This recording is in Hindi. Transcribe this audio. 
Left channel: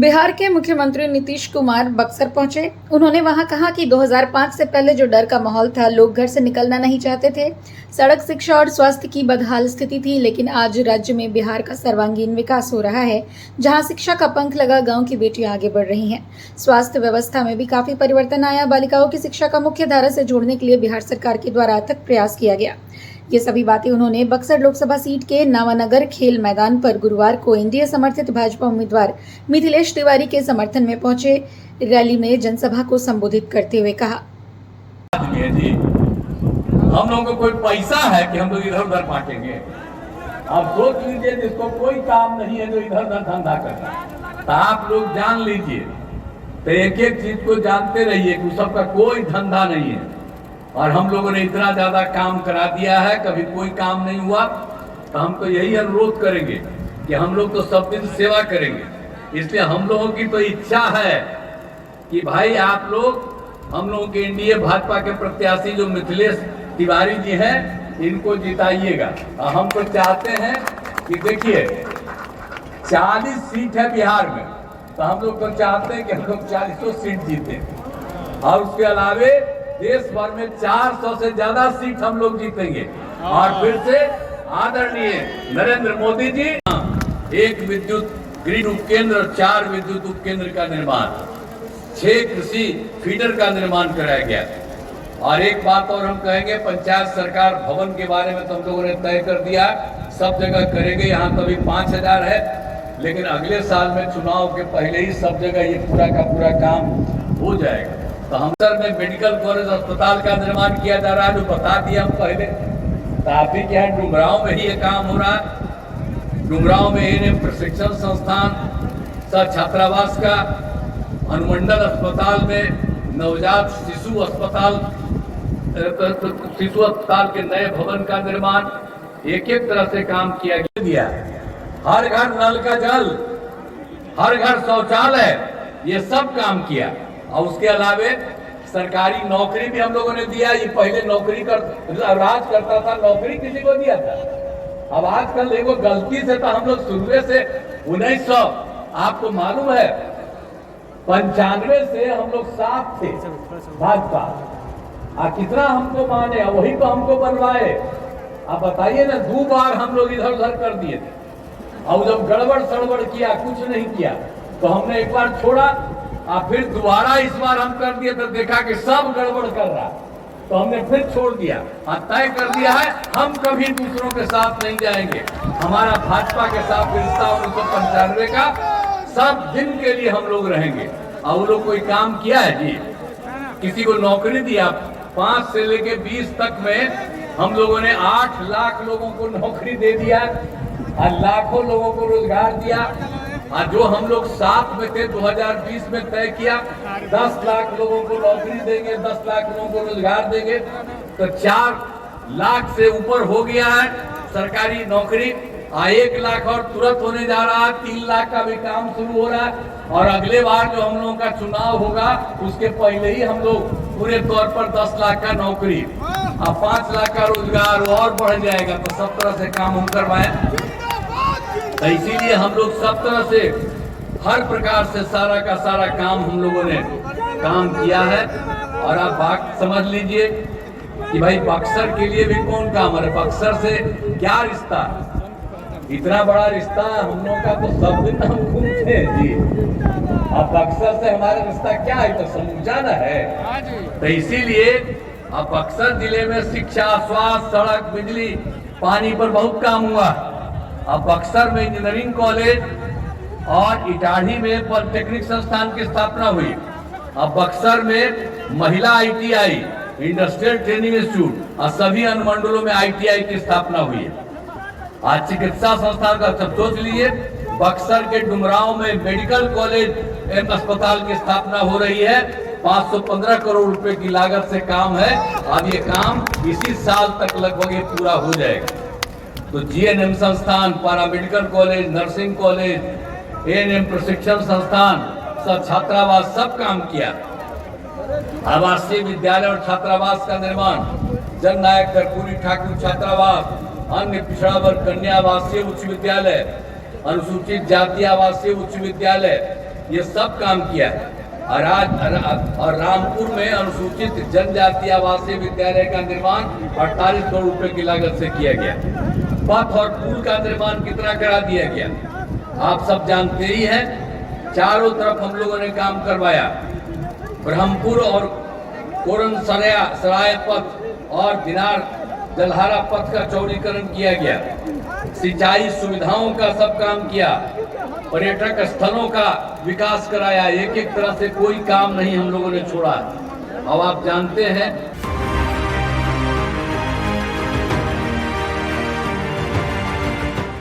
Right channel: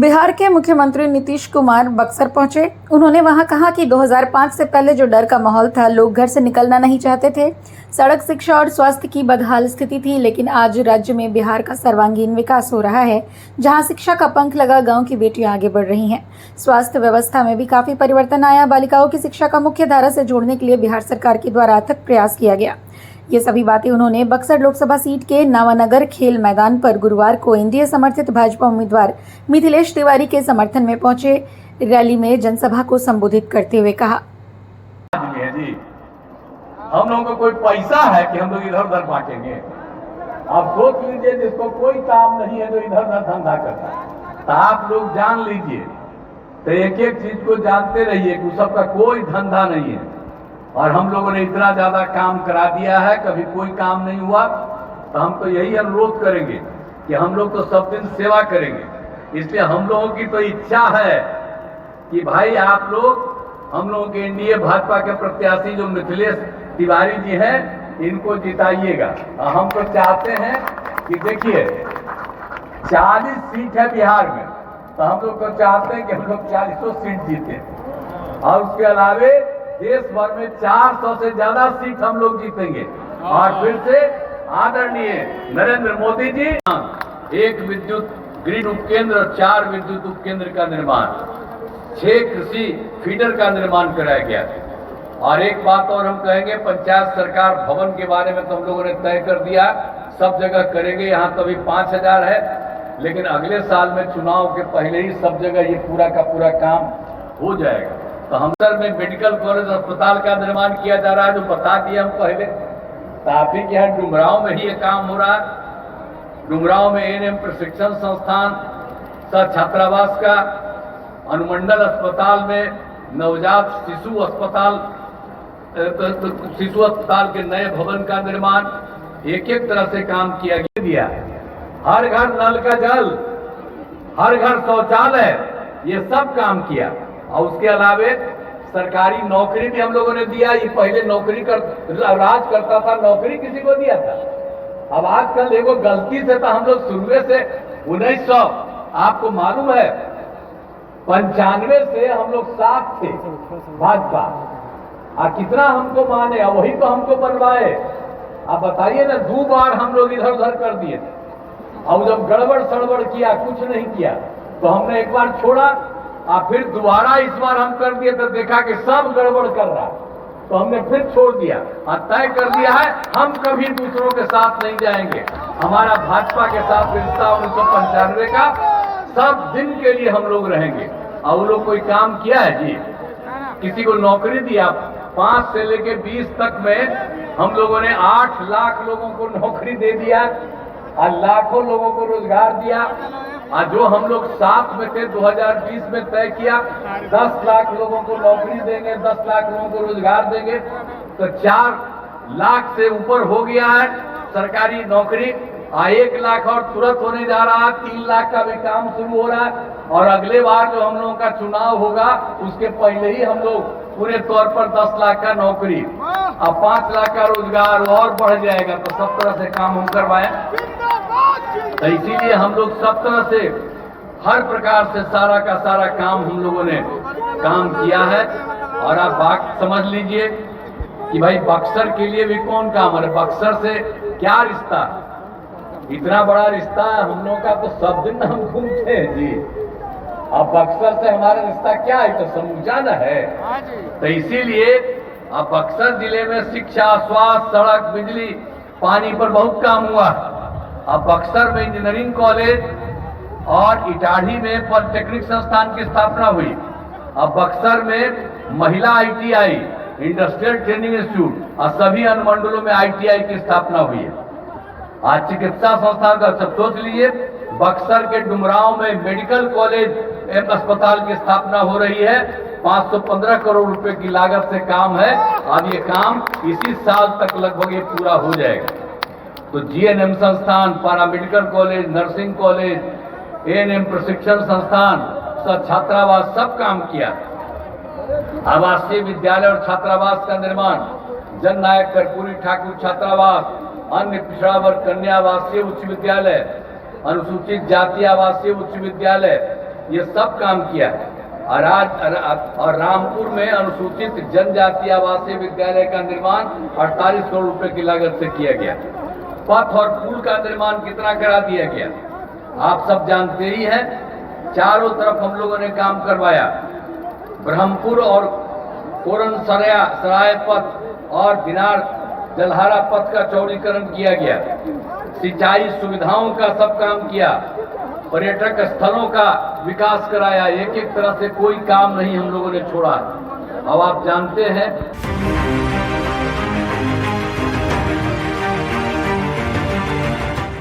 बिहार के मुख्यमंत्री नीतीश कुमार बक्सर पहुंचे। उन्होंने वहां कहा कि 2005 से पहले जो डर का माहौल था, लोग घर से निकलना नहीं चाहते थे। सड़क, शिक्षा और स्वास्थ्य की बदहाल स्थिति थी, लेकिन आज राज्य में बिहार का सर्वांगीण विकास हो रहा है। जहां शिक्षा का पंख लगा, गांव की बेटियां आगे बढ़ रही हैं। स्वास्थ्य व्यवस्था में भी काफी परिवर्तन आया। बालिकाओं की शिक्षा का मुख्य धारा से जोड़ने के लिए बिहार सरकार के द्वारा अथक प्रयास किया गया। ये सभी बातें उन्होंने बक्सर लोकसभा सीट के नवानगर खेल मैदान पर गुरुवार को एनडीए समर्थित भाजपा उम्मीदवार मिथिलेश तिवारी के समर्थन में पहुंचे रैली में जनसभा को संबोधित करते हुए कहा। हम लोगों को कोई पैसा है कि हम लोग इधर उधर बांटेंगे? आप सोच लीजिए, जिसको कोई काम नहीं है जो इधर उधर धंधा करना, तो आप लोग जान लीजिए, तो एक एक चीज को जानते रहिए कि सबका कोई धंधा नहीं है। और हम लोगों ने इतना ज्यादा काम करा दिया है, कभी कोई काम नहीं हुआ। तो हम तो यही अनुरोध करेंगे कि हम लोग तो सब दिन सेवा करेंगे। इसलिए हम लोगों की तो इच्छा है कि भाई आप लोग हम लोगों के एनडीए भाजपा के प्रत्याशी जो मिथिलेश तिवारी जी हैं, इनको जिताइएगा। और हम तो चाहते हैं कि देखिए 40 सीट है बिहार में, तो हम लोग तो चाहते हैं कि हम लोग 40 सीट जीते। और उसके अलावे देश भर में 400 से ज्यादा सीट हम लोग जीतेंगे। और फिर से आदरणीय नरेंद्र मोदी जी, एक विद्युत ग्रिड उपकेंद्र और 4 विद्युत उपकेंद्र का निर्माण, 6 कृषि फीडर का निर्माण कराया गया। और एक बात और हम कहेंगे, पंचायत सरकार भवन के बारे में तो हम लोगों ने तय कर दिया, सब जगह करेंगे। यहाँ तो अभी 5000 है, लेकिन अगले साल में चुनाव के पहले ही सब जगह ये पूरा का पूरा काम हो जाएगा। तो हम सर में मेडिकल कॉलेज अस्पताल का निर्माण किया जा रहा है, जो बता दिया हम पहले। तो आप ही के यहाँ डुमरांव में ही ये काम हो रहा है। डुमरांव में एएनएम प्रशिक्षण संस्थान, छात्रावास का, अनुमंडल अस्पताल में नवजात शिशु अस्पताल के नए भवन का निर्माण, एक एक तरह से काम किया गया। हर घर नल का जल, हर घर शौचालय, ये सब काम किया। और उसके अलावे सरकारी नौकरी भी हम लोगों ने दिया। ये पहले नौकरी राज करता था, नौकरी किसी को दिया था। अब आजकल देखो, गलती से तो हम लोग शुरू से 1900, आपको मालूम है 95 से हम लोग साथ थे भाजपा। कितना हमको माने, वही तो हमको बनवाए। आप बताइए ना, 2 बार हम लोग इधर उधर कर दिए थे। और जब गड़बड़ सड़बड़ किया, कुछ नहीं किया, तो हमने एक बार छोड़ा, फिर दोबारा इस बार हम कर दिए तो देखा कि सब गड़बड़ कर रहा, तो हमने फिर छोड़ दिया। तय कर दिया है, हम कभी दूसरों के साथ नहीं जाएंगे। हमारा भाजपा के साथ रिश्ता 1995 का, सब दिन के लिए हम लोग रहेंगे। और वो लोग कोई काम किया है जी? किसी को नौकरी दिया? 5 से लेके 20 तक में हम लोगों ने 8 लाख लोगों को नौकरी दे दिया और लाखों लोगों को रोजगार दिया। जो हम लोग साथ में थे 2020 में तय किया, 10 लाख लोगों को नौकरी देंगे, 10 लाख लोगों को रोजगार देंगे। तो 4 लाख से ऊपर हो गया है सरकारी नौकरी। 1 लाख और तुरंत होने जा रहा है, 3 लाख का भी काम शुरू हो रहा है। और अगले बार जो हम लोगों का चुनाव होगा, उसके पहले ही हम लोग पूरे तौर पर 10 लाख का नौकरी और 5 लाख का रोजगार और बढ़ जाएगा। तो सब तरह से काम हम करवाए। तो इसीलिए हम लोग सब तरह से, हर प्रकार से सारा का सारा काम हम लोगों ने काम किया है। और आप बात समझ लीजिए कि भाई बक्सर के लिए भी कौन काम है, बक्सर से क्या रिश्ता, इतना बड़ा रिश्ता हम लोगों का, तो सब दिन हम घूमते हैं जी। अब बक्सर से हमारा रिश्ता क्या है, तो समझा ना है। तो इसीलिए अब बक्सर जिले में शिक्षा, स्वास्थ्य, सड़क, बिजली, पानी पर बहुत काम हुआ। अब बक्सर में इंजीनियरिंग कॉलेज और इटाढ़ी में पॉलिटेक्निक संस्थान की स्थापना हुई। अब बक्सर में महिला ITI, इंडस्ट्रियल ट्रेनिंग इंस्टीट्यूट, और सभी अनुमंडलों में ITI की स्थापना हुई है। आज चिकित्सा संस्थान का सब सोच लीजिए, बक्सर के डुमरांव में मेडिकल कॉलेज एवं अस्पताल की स्थापना हो रही है। 515 करोड़ रुपए की लागत से काम है। अब ये काम इसी साल तक लगभग ये पूरा हो जाएगा। तो GNM संस्थान, paramedical college, nursing college, ANM प्रशिक्षण संस्थान, छात्रावास, सब काम किया। आवासीय विद्यालय और छात्रावास का निर्माण, जननायक कर्पूरी ठाकुर छात्रावास, अन्य पिछड़ा वर्ग कन्या आवासीय उच्च विद्यालय, अनुसूचित जाति आवासीय उच्च विद्यालय, ये सब काम किया है। और रामपुर में अनुसूचित जनजाति आवासीय विद्यालय का निर्माण 48 करोड़ रुपए की लागत से किया गया। पथ और पुल का निर्माण कितना करा दिया गया आप सब जानते ही हैं। चारों तरफ हम लोगों ने काम करवाया। ब्रह्मपुर और कोरन सराय पथ और दिनार जलहारा पथ का चौड़ीकरण किया गया। सिंचाई सुविधाओं का सब काम किया। पर्यटक स्थलों का विकास कराया। एक एक तरह से कोई काम नहीं हम लोगों ने छोड़ा। अब आप जानते हैं